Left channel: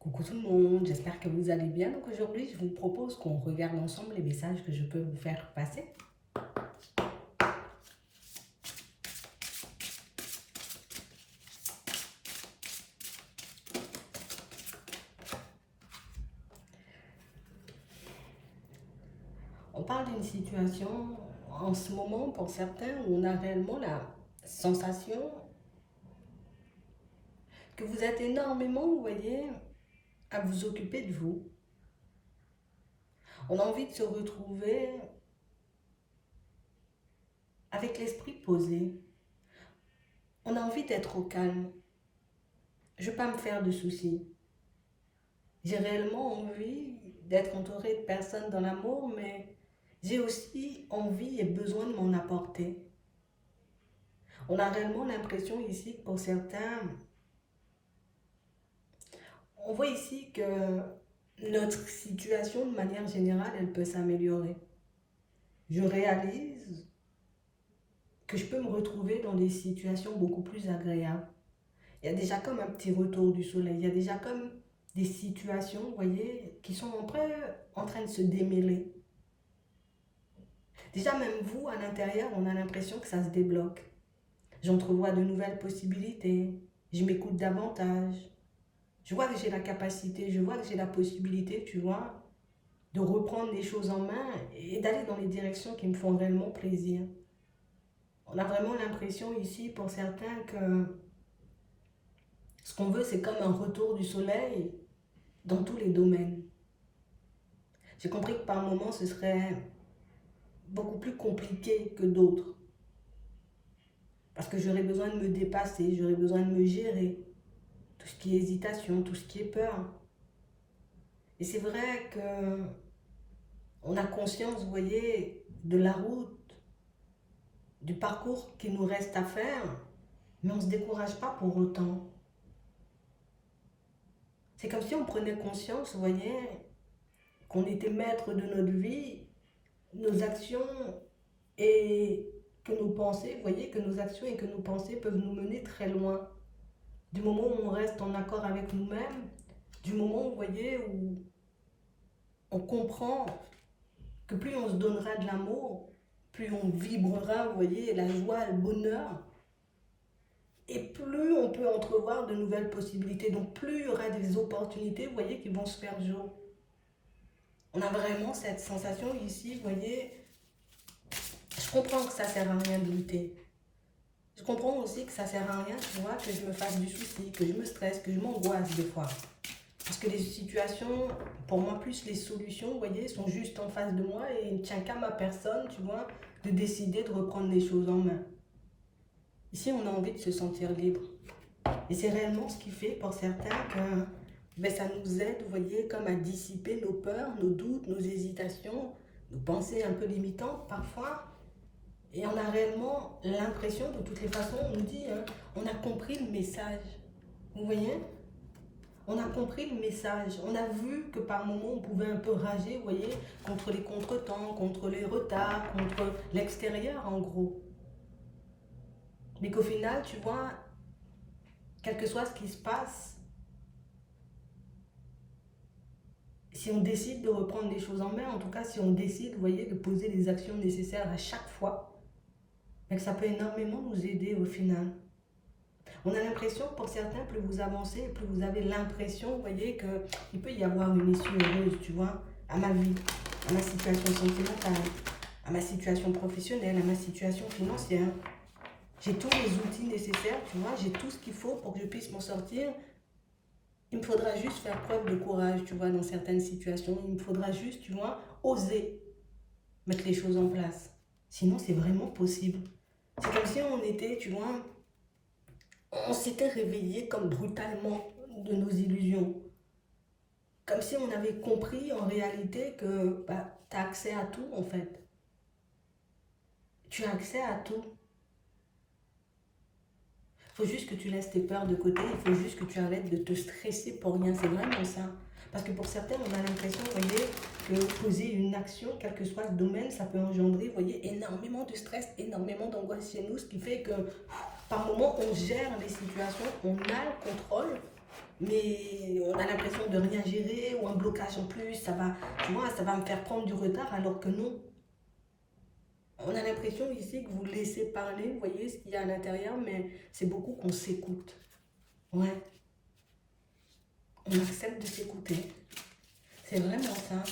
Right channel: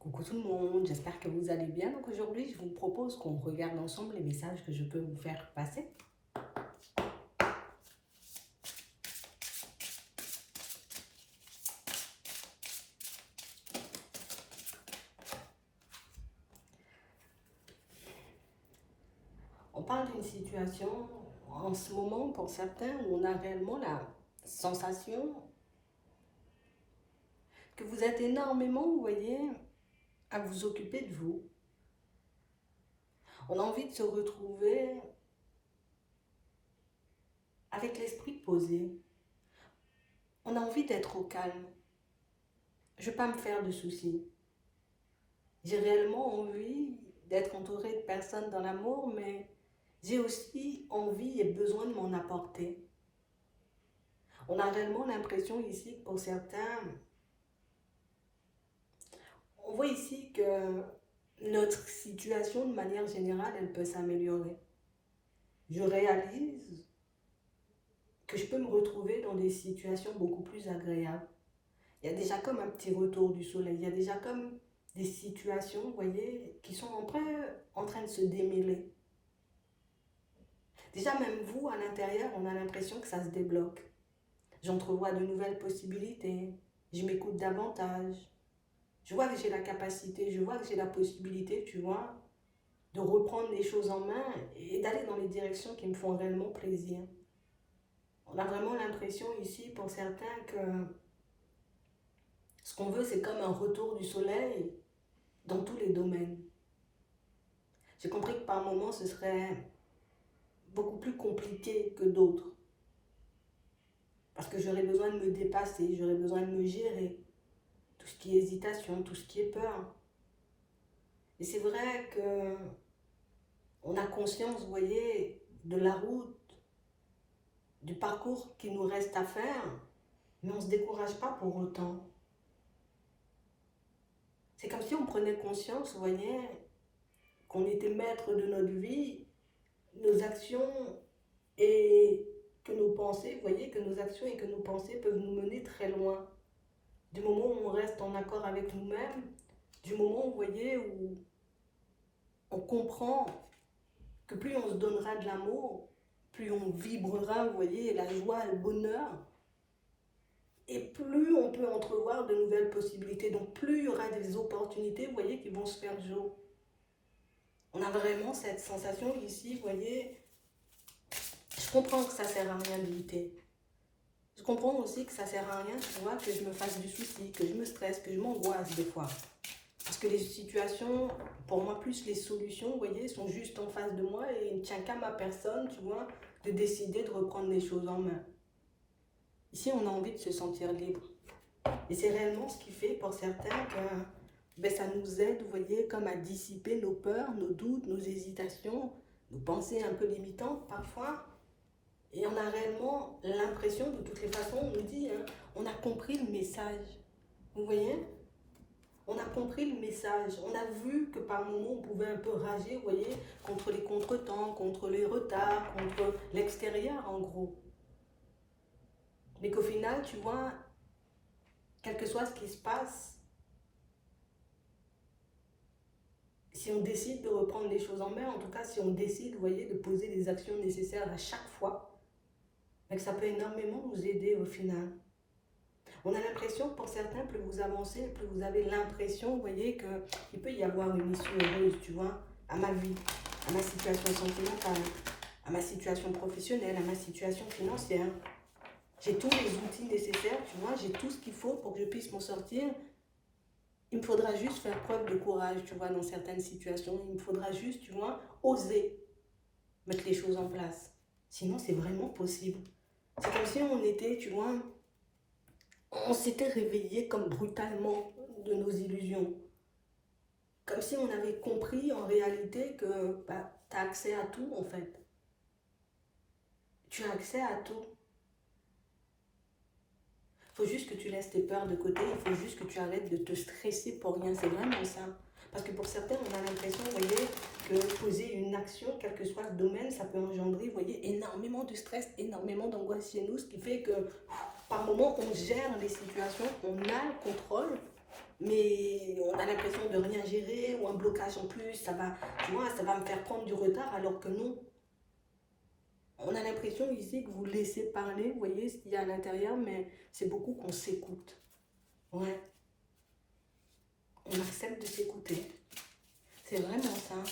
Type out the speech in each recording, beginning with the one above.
Coucou tout le monde, j'espère que vous allez bien. Donc aujourd'hui, je vous propose qu'on regarde ensemble les messages que je peux vous faire passer. On parle d'une situation en ce moment pour certains où on a réellement la sensation que vous êtes énormément, vous voyez, à vous occuper de vous. On a envie de se retrouver avec l'esprit posé. On a envie d'être au calme. Je ne veux pas me faire de soucis. J'ai réellement envie d'être entourée de personnes dans l'amour, mais j'ai aussi envie et besoin de m'en apporter. On a réellement l'impression ici que pour certains, on voit ici que notre situation de manière générale, elle peut s'améliorer. Je réalise que je peux me retrouver dans des situations beaucoup plus agréables. Il y a déjà comme un petit retour du soleil, il y a déjà comme des situations, vous voyez, qui sont en train de se démêler. Déjà, même vous, à l'intérieur, on a l'impression que ça se débloque. J'entrevois de nouvelles possibilités. Je m'écoute davantage. Je vois que j'ai la capacité, je vois que j'ai la possibilité, tu vois, de reprendre les choses en main et d'aller dans les directions qui me font réellement plaisir. On a vraiment l'impression ici, pour certains, que ce qu'on veut, c'est comme un retour du soleil dans tous les domaines. J'ai compris que par moments, ce serait beaucoup plus compliqué que d'autres. Parce que j'aurais besoin de me dépasser, j'aurais besoin de me gérer. Tout ce qui est hésitation, tout ce qui est peur. Et c'est vrai que on a conscience, vous voyez, de la route, du parcours qu'il nous reste à faire, mais on ne se décourage pas pour autant. C'est comme si on prenait conscience, vous voyez, qu'on était maître de notre vie, nos actions et que nos pensées, vous voyez, que nos actions et que nos pensées peuvent nous mener très loin. Du moment où on reste en accord avec nous-mêmes, du moment, vous voyez, où on comprend que plus on se donnera de l'amour, plus on vibrera, vous voyez, la joie, le bonheur, et plus on peut entrevoir de nouvelles possibilités. Donc plus il y aura des opportunités, vous voyez, qui vont se faire jour. On a vraiment cette sensation ici, vous voyez, je comprends que ça ne sert à rien de lutter. Je comprends aussi que ça ne sert à rien, tu vois, que je me fasse du souci, que je me stresse, que je m'angoisse des fois. Parce que les situations, pour moi, plus les solutions, vous voyez, sont juste en face de moi et il ne tient qu'à ma personne, tu vois, de décider de reprendre les choses en main. Ici, on a envie de se sentir libre. Et c'est réellement ce qui fait pour certains que ça nous aide, vous voyez, comme à dissiper nos peurs, nos doutes, nos hésitations, nos pensées un peu limitantes parfois. Et on a réellement l'impression, de toutes les façons, on nous dit, hein, on a compris le message. Vous voyez ? On a compris le message. On a vu que par moments, on pouvait un peu rager, vous voyez, contre les contretemps, contre les retards, contre l'extérieur, en gros. Mais qu'au final, tu vois, quel que soit ce qui se passe, si on décide de reprendre les choses en main, en tout cas, si on décide, vous voyez, de poser les actions nécessaires à chaque fois, que ça peut énormément nous aider au final. On a l'impression, pour certains, plus vous avancez, plus vous avez l'impression, vous voyez, qu'il peut y avoir une issue heureuse, tu vois, à ma vie, à ma situation sentimentale, à ma situation professionnelle, à ma situation financière. J'ai tous les outils nécessaires, tu vois, j'ai tout ce qu'il faut pour que je puisse m'en sortir. Il me faudra juste faire preuve de courage, tu vois, dans certaines situations. Il me faudra juste, tu vois, oser mettre les choses en place. Sinon, c'est vraiment possible. C'est comme si on était, tu vois, on s'était réveillé comme brutalement de nos illusions. Comme si on avait compris en réalité que tu as accès à tout en fait. Tu as accès à tout. Il faut juste que tu laisses tes peurs de côté, il faut juste que tu arrêtes de te stresser pour rien. C'est vraiment ça. Parce que pour certains, on a l'impression, vous voyez, que poser une action, quel que soit le domaine, ça peut engendrer, vous voyez, énormément de stress, énormément d'angoisse chez nous, ce qui fait que par moments, on gère les situations, on a le contrôle, mais on a l'impression de rien gérer, ou un blocage en plus, ça va, tu vois, ça va me faire prendre du retard, alors que non. On a l'impression ici que vous laissez parler, vous voyez ce qu'il y a à l'intérieur, mais c'est beaucoup qu'on s'écoute. Ouais, on accepte de s'écouter. C'est vraiment ça.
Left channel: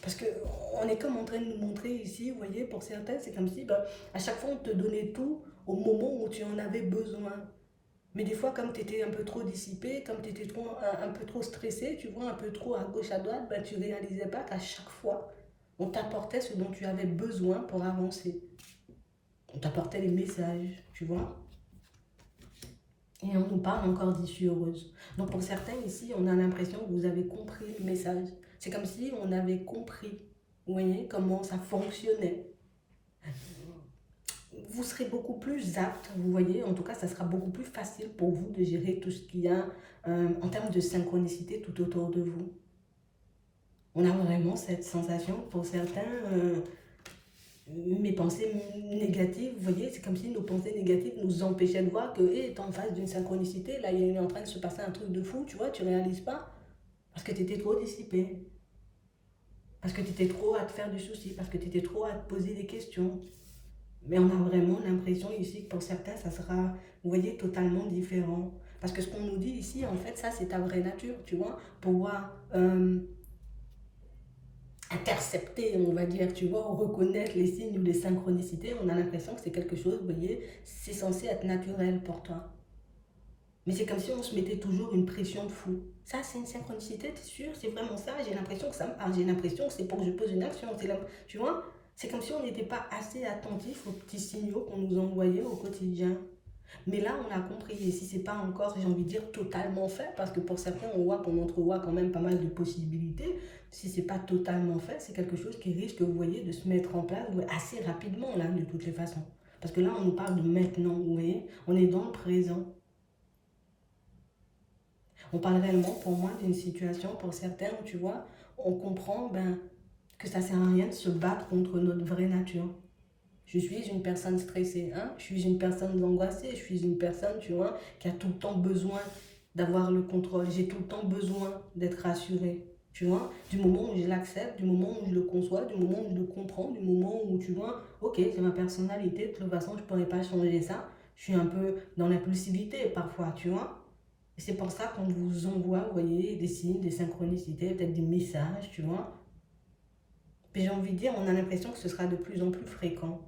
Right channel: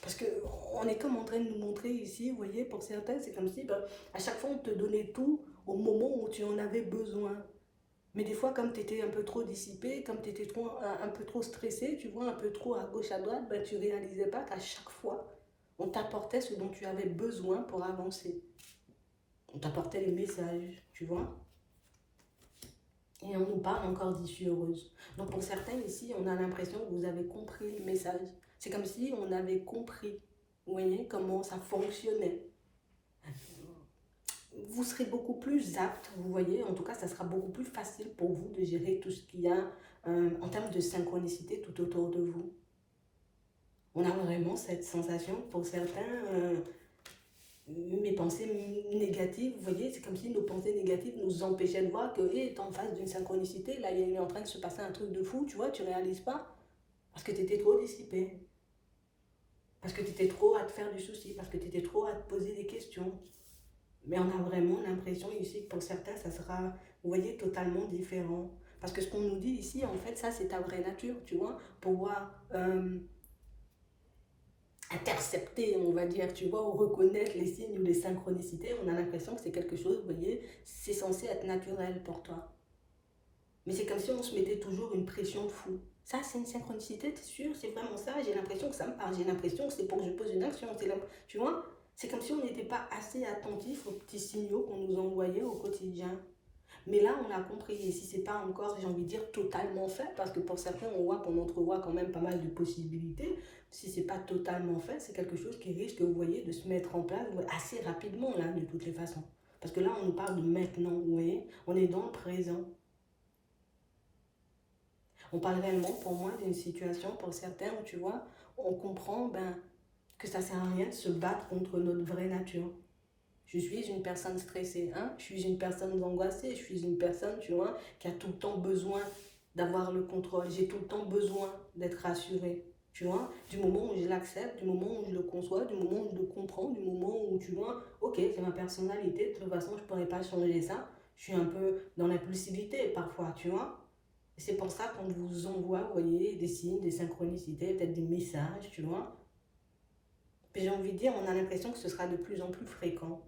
Parce que on est comme en train de nous montrer ici, vous voyez, pour certains, c'est comme si ben, à chaque fois on te donnait tout au moment où tu en avais besoin. Mais des fois, comme tu étais un peu trop dissipé, comme tu étais un peu trop stressé, tu vois, un peu trop à gauche, à droite, ben, tu ne réalisais pas qu'à chaque fois, on t'apportait ce dont tu avais besoin pour avancer. On t'apportait les messages, tu vois. Et on nous parle encore d'issue heureuse. Donc pour certains ici, on a l'impression que vous avez compris le message. C'est comme si on avait compris, vous voyez, comment ça fonctionnait. Vous serez beaucoup plus apte, vous voyez, en tout cas, ça sera beaucoup plus facile pour vous de gérer tout ce qu'il y a en termes de synchronicité tout autour de vous. On a vraiment cette sensation, pour certains, mes pensées négatives, vous voyez, c'est comme si nos pensées négatives nous empêchaient de voir que, hé, t'es en face d'une synchronicité, là, il est en train de se passer un truc de fou, tu vois, tu réalises pas, parce que tu étais trop dissipé, parce que tu étais trop à te faire du souci, parce que tu étais trop à te poser des questions. Mais on a vraiment l'impression ici que pour certains, ça sera, vous voyez, totalement différent. Parce que ce qu'on nous dit ici, en fait, ça, c'est ta vraie nature, tu vois, pouvoir intercepter, on va dire, tu vois, ou reconnaître les signes ou les synchronicités, on a l'impression que c'est quelque chose, vous voyez, c'est censé être naturel pour toi. Mais c'est comme si on se mettait toujours une pression de fou. Ça, c'est une synchronicité, t'es sûr? C'est vraiment ça? J'ai l'impression que ça me parle, j'ai l'impression que c'est pour que je pose une action. Tu vois? C'est comme si on n'était pas assez attentif aux petits signaux qu'on nous envoyait au quotidien. Mais là, on l'a compris, et si c'est pas encore, j'ai envie de dire, totalement fait, parce que pour certains, on voit qu'on entrevoit quand même pas mal de possibilités, si c'est pas totalement fait, c'est quelque chose qui risque, vous voyez, de se mettre en place assez rapidement, là, de toutes les façons. Parce que là, on nous parle de maintenant, vous voyez, on est dans le présent. On parle réellement, pour moi, d'une situation, pour certains, où tu vois, on comprend ben, que ça sert à rien de se battre contre notre vraie nature. Je suis une personne stressée, hein? Je suis une personne angoissée, je suis une personne, tu vois, qui a tout le temps besoin d'avoir le contrôle. J'ai tout le temps besoin d'être rassurée, tu vois. Du moment où je l'accepte, du moment où je le conçois, du moment où je le comprends, du moment où, tu vois, ok, c'est ma personnalité, de toute façon, je ne pourrais pas changer ça. Je suis un peu dans l'impulsivité parfois, tu vois. C'est pour ça qu'on vous envoie, vous voyez, des signes, des synchronicités, peut-être des messages, tu vois. Et j'ai envie de dire, on a l'impression que ce sera de plus en plus fréquent.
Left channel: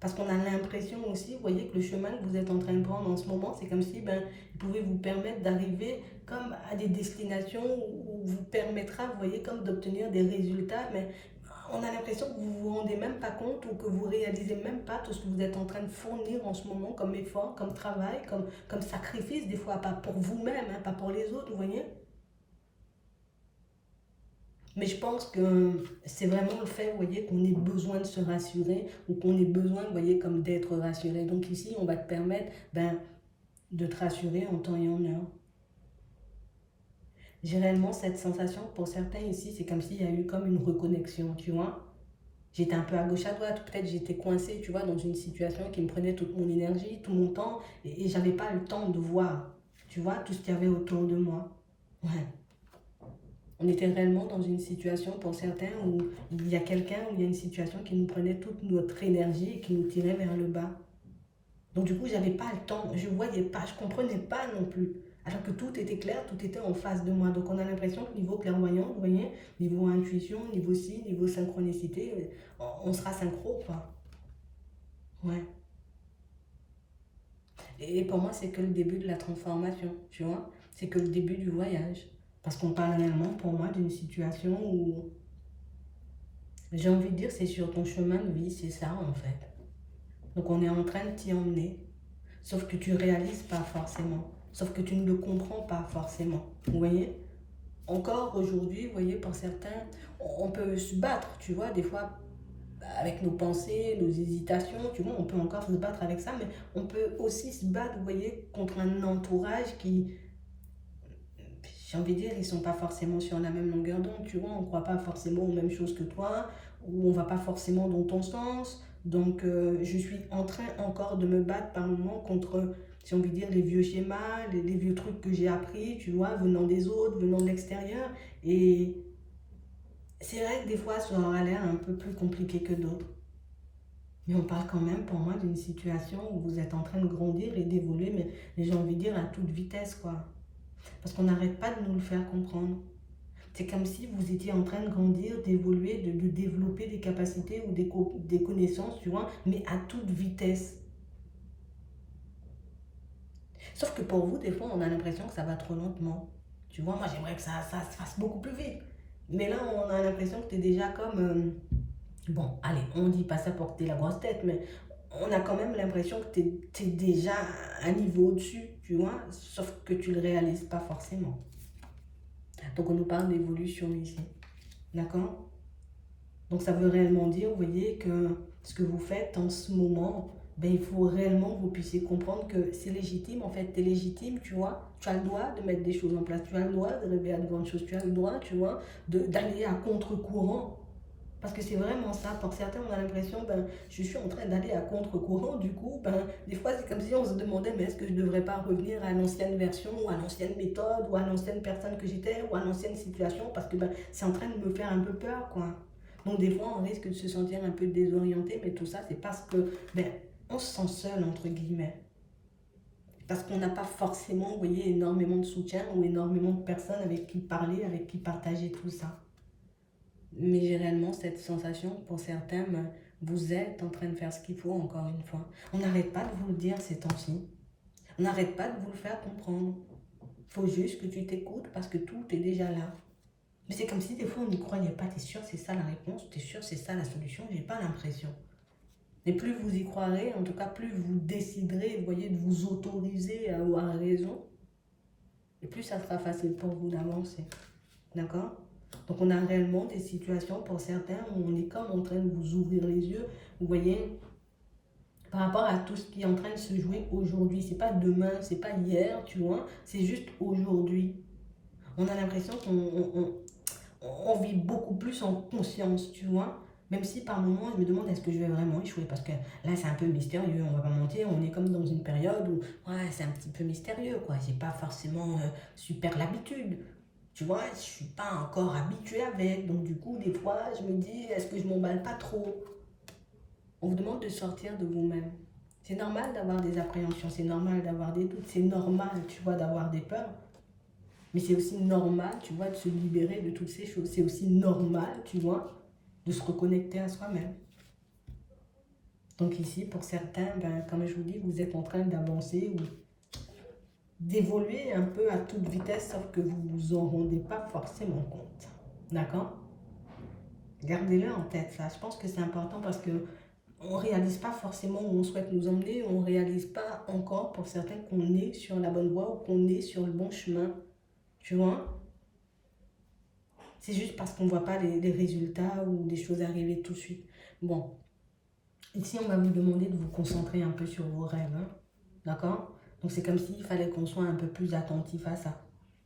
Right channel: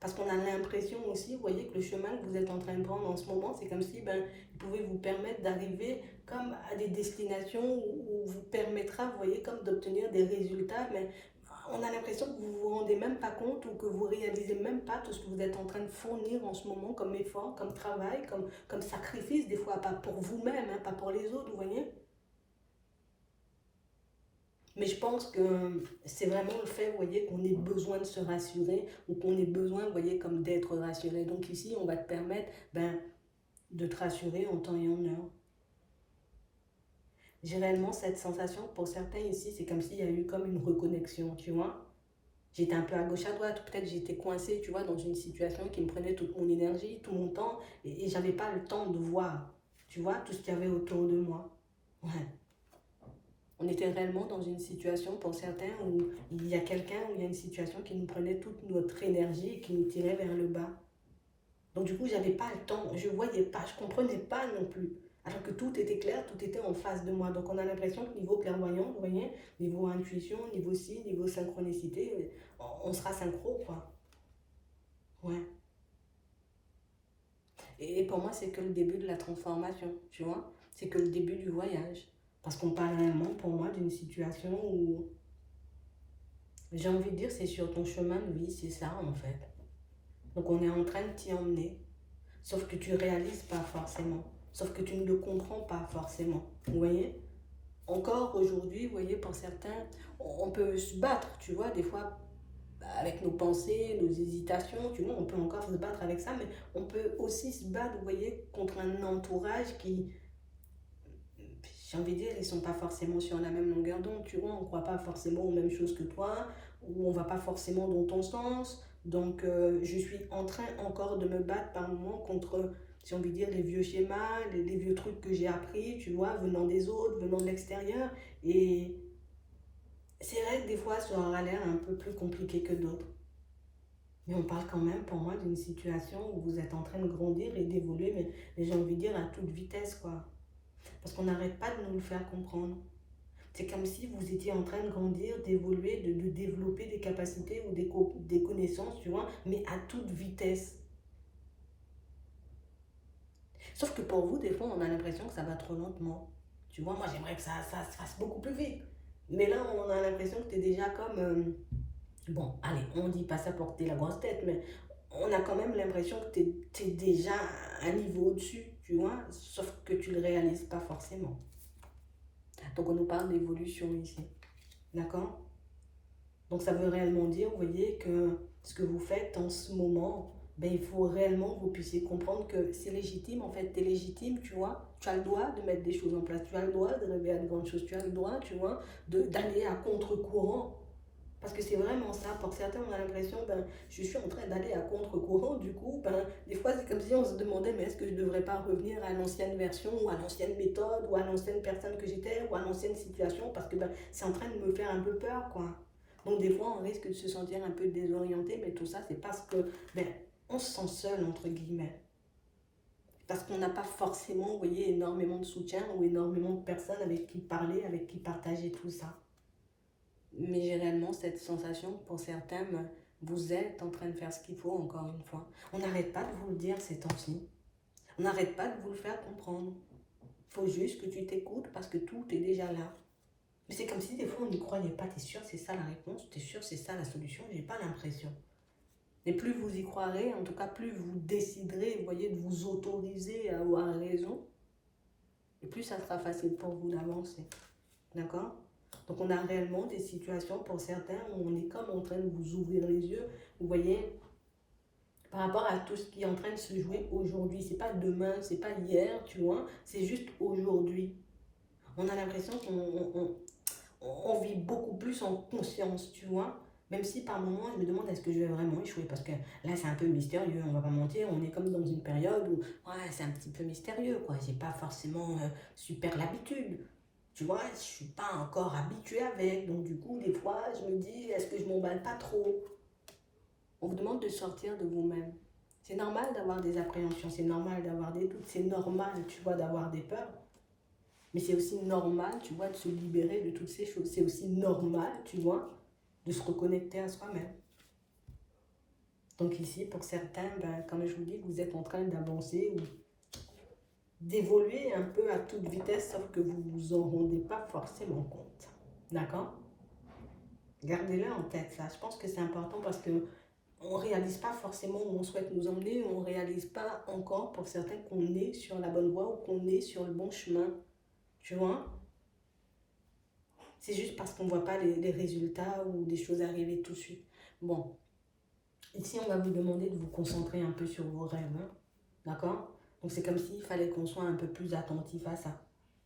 Parce qu'on a l'impression aussi, vous voyez, que le chemin que vous êtes en train de prendre en ce moment, c'est comme si ben, il pouvait vous permettre d'arriver comme à des destinations où vous permettra, vous voyez, comme d'obtenir des résultats, mais on a l'impression que vous ne vous rendez même pas compte ou que vous réalisez même pas tout ce que vous êtes en train de fournir en ce moment comme effort, comme travail, comme sacrifice, des fois pas pour vous-même, hein, pas pour les autres, vous voyez. Mais je pense que c'est vraiment le fait, vous voyez, qu'on ait besoin de se rassurer ou qu'on ait besoin, vous voyez, comme d'être rassuré. Donc ici, on va te permettre ben, de te rassurer en temps et en heure. J'ai réellement cette sensation, pour certains ici, c'est comme s'il y a eu comme une reconnexion, tu vois. J'étais un peu à gauche à droite, ou peut-être j'étais coincée, tu vois, dans une situation qui me prenait toute mon énergie, tout mon temps, et j'avais pas le temps de voir, tu vois, tout ce qu'il y avait autour de moi. Ouais. On était réellement dans une situation, pour certains, où il y a quelqu'un, où il y a une situation qui nous prenait toute notre énergie et qui nous tirait vers le bas. Donc du coup, j'avais pas le temps, je voyais pas, je comprenais pas non plus. Alors que tout était clair, tout était en face de moi. Donc on a l'impression que niveau clairvoyant, vous voyez, niveau intuition, niveau si, niveau synchronicité, on sera synchro, quoi. Ouais. Et pour moi, c'est que le début de la transformation, tu vois. C'est que le début du voyage. Parce qu'on parle réellement, pour moi, d'une situation où j'ai envie de dire, c'est sur ton chemin de vie, c'est ça en fait. Donc on est en train de t'y emmener, sauf que tu réalises pas forcément, sauf que tu ne le comprends pas forcément. Vous voyez? Encore aujourd'hui, vous voyez, pour certains, on peut se battre, tu vois, des fois avec nos pensées, nos hésitations, tu vois, on peut encore se battre avec ça, mais on peut aussi se battre, vous voyez, contre un entourage qui, j'ai envie de dire, ils sont pas forcément sur la même longueur d'onde, tu vois, on ne croit pas forcément aux mêmes choses que toi, ou on va pas forcément dans ton sens. Donc, je suis en train encore de me battre par moment contre si on veut dire, les vieux schémas, les vieux trucs que j'ai appris, tu vois, venant des autres, venant de l'extérieur. Et c'est vrai que des fois, ça aura l'air un peu plus compliqué que d'autres. Mais on parle quand même, pour moi, d'une situation où vous êtes en train de grandir et d'évoluer, mais j'ai envie de dire à toute vitesse, quoi. Parce qu'on n'arrête pas de nous le faire comprendre. C'est comme si vous étiez en train de grandir, d'évoluer, de développer des capacités ou des connaissances, tu vois, mais à toute vitesse. Sauf que pour vous, des fois, on a l'impression que ça va trop lentement. Tu vois, moi, j'aimerais que ça se fasse beaucoup plus vite. Mais là, on a l'impression que tu es déjà comme... bon, allez, on dit pas ça pour que tu aies la grosse tête, mais on a quand même l'impression que tu es déjà à un niveau au-dessus, tu vois, sauf que tu le réalises pas forcément. Donc, on nous parle d'évolution ici. D'accord? Donc, ça veut réellement dire, vous voyez, que ce que vous faites en ce moment, ben, il faut réellement que vous puissiez comprendre que c'est légitime. En fait, tu es légitime, tu vois. Tu as le droit de mettre des choses en place. Tu as le droit de rêver à de grandes choses. Tu as le droit, tu vois, d'aller à contre-courant. Parce que c'est vraiment ça. Pour certains, on a l'impression, ben, je suis en train d'aller à contre-courant. Du coup, ben, des fois, c'est comme si on se demandait, mais est-ce que je ne devrais pas revenir à l'ancienne version, ou à l'ancienne méthode, ou à l'ancienne personne que j'étais, ou à l'ancienne situation, parce que ben, c'est en train de me faire un peu peur, quoi. Donc, des fois, on risque de se sentir un peu désorienté, mais tout ça, c'est parce que, ben, on se sent seul, entre guillemets. Parce qu'on n'a pas forcément, vous voyez, énormément de soutien ou énormément de personnes avec qui parler, avec qui partager tout ça. Mais j'ai réellement cette sensation, pour certains, vous êtes en train de faire ce qu'il faut, encore une fois. On n'arrête pas de vous le dire ces temps-ci. On n'arrête pas de vous le faire comprendre. Il faut juste que tu t'écoutes parce que tout est déjà là. Mais c'est comme si des fois on n'y croyait pas. T'es sûr c'est ça la réponse? T'es sûr c'est ça la solution? J'ai pas l'impression. Et plus vous y croirez, en tout cas plus vous déciderez, vous voyez, de vous autoriser à avoir raison, et plus ça sera facile pour vous d'avancer. D'accord? Donc on a réellement des situations pour certains où on est comme en train de vous ouvrir les yeux, vous voyez, par rapport à tout ce qui est en train de se jouer aujourd'hui. C'est pas demain, c'est pas hier, tu vois, c'est juste aujourd'hui. On a l'impression qu'on vit beaucoup plus en conscience, tu vois. Même si par moments, je me demande est-ce que je vais vraiment échouer. Parce que là, c'est un peu mystérieux, on va pas mentir. On est comme dans une période où, ouais, c'est un petit peu mystérieux, quoi. J'ai pas forcément super l'habitude. Tu vois, je suis pas encore habituée avec. Donc, du coup, des fois, je me dis est-ce que je m'emballe pas trop? On vous demande de sortir de vous-même. C'est normal d'avoir des appréhensions, c'est normal d'avoir des doutes, c'est normal, tu vois, d'avoir des peurs. Mais c'est aussi normal, tu vois, de se libérer de toutes ces choses. C'est aussi normal, tu vois, de se reconnecter à soi-même. Donc ici, pour certains, ben, comme je vous dis, vous êtes en train d'avancer ou d'évoluer un peu à toute vitesse, sauf que vous ne vous en rendez pas forcément compte. D'accord? Gardez-le en tête, ça. Je pense que c'est important parce que on ne réalise pas forcément où on souhaite nous emmener, on ne réalise pas encore pour certains qu'on est sur la bonne voie ou qu'on est sur le bon chemin. Tu vois? C'est juste parce qu'on ne voit pas les résultats ou des choses arriver tout de suite. Bon, ici on va vous demander de vous concentrer un peu sur vos rêves. Hein. D'accord? Donc c'est comme s'il fallait qu'on soit un peu plus attentif à ça.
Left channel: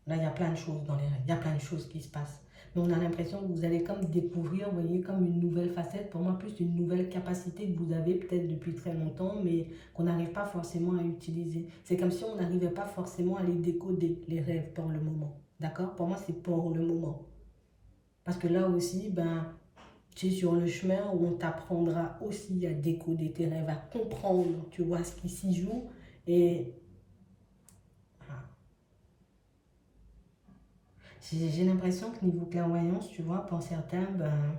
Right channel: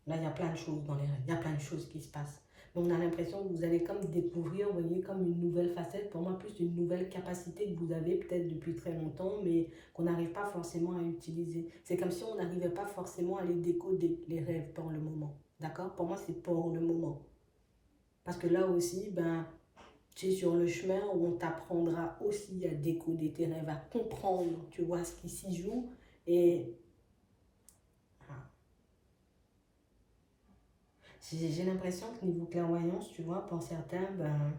Là, il y a plein de choses dans les rêves, il y a plein de choses qui se passent. Mais on a l'impression que vous allez comme découvrir, vous voyez, comme une nouvelle facette, pour moi plus une nouvelle capacité que vous avez peut-être depuis très longtemps, mais qu'on n'arrive pas forcément à utiliser. C'est comme si on n'arrivait pas forcément à les décoder, les rêves, pour le moment. D'accord? Pour moi, c'est pour le moment. Parce que là aussi, ben, tu es sur le chemin où on t'apprendra aussi à décoder tes rêves, à comprendre, tu vois, ce qui s'y joue. Et j'ai l'impression que niveau clairvoyance, tu vois, pour certains, ben,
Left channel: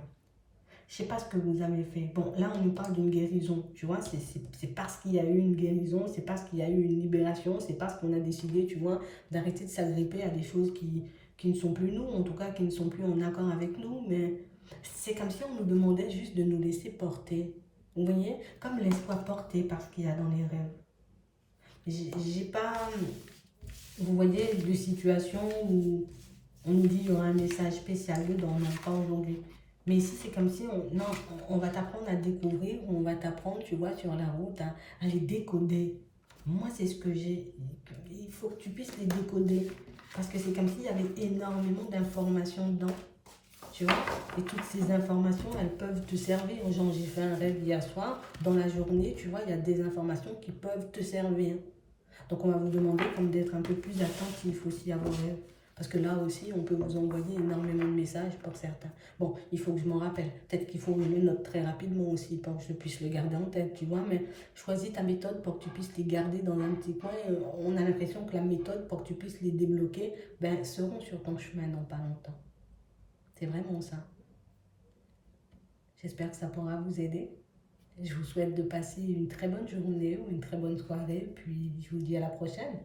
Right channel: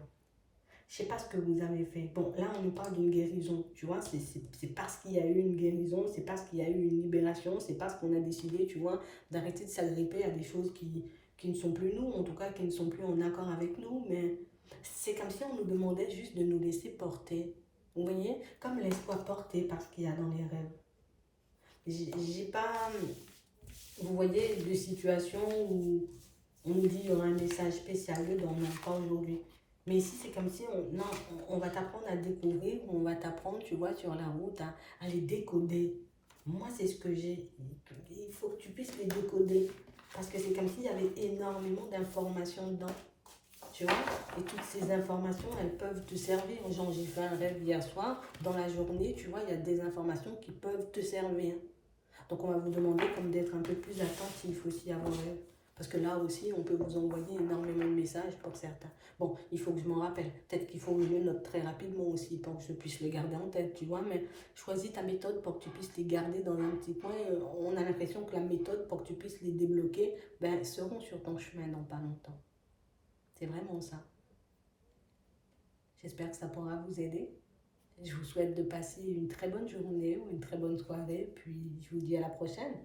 je sais pas ce que vous avez fait. Bon, là, on nous parle d'une guérison, tu vois, c'est parce qu'il y a eu une guérison, c'est parce qu'il y a eu une libération, c'est parce qu'on a décidé, tu vois, d'arrêter de s'agripper à des choses qui ne sont plus nous, en tout cas, qui ne sont plus en accord avec nous, mais c'est comme si on nous demandait juste de nous laisser porter. Vous voyez, comme laisse-toi porter par ce qu'il y a dans les rêves. J'ai pas, vous voyez, de situation où on nous dit qu'il y aura un message spécial dedans, non, pas aujourd'hui. Mais ici, c'est comme si non, on va t'apprendre à découvrir, on va t'apprendre, tu vois, sur la route, à les décoder. Moi, c'est ce que j'ai. Il faut que tu puisses les décoder. Parce que c'est comme s'il y avait énormément d'informations dedans. Tu vois? Et toutes ces informations, elles peuvent te servir. Genre, j'ai fait un rêve hier soir. Dans la journée, tu vois, il y a des informations qui peuvent te servir. Donc on va vous demander comme d'être un peu plus attentif aussi à vos rêves. Parce que là aussi, on peut vous envoyer énormément de messages pour certains. Bon, il faut que je m'en rappelle. Peut-être qu'il faut une note très rapidement aussi pour que je puisse le garder en tête, tu vois. Mais choisis ta méthode pour que tu puisses les garder dans un petit coin. On a l'impression que la méthode pour que tu puisses les débloquer, ben, seront sur ton chemin dans pas longtemps. C'est vraiment ça. J'espère que ça pourra vous aider. Je vous souhaite de passer une très bonne journée ou une très bonne soirée. Puis je vous dis à la prochaine.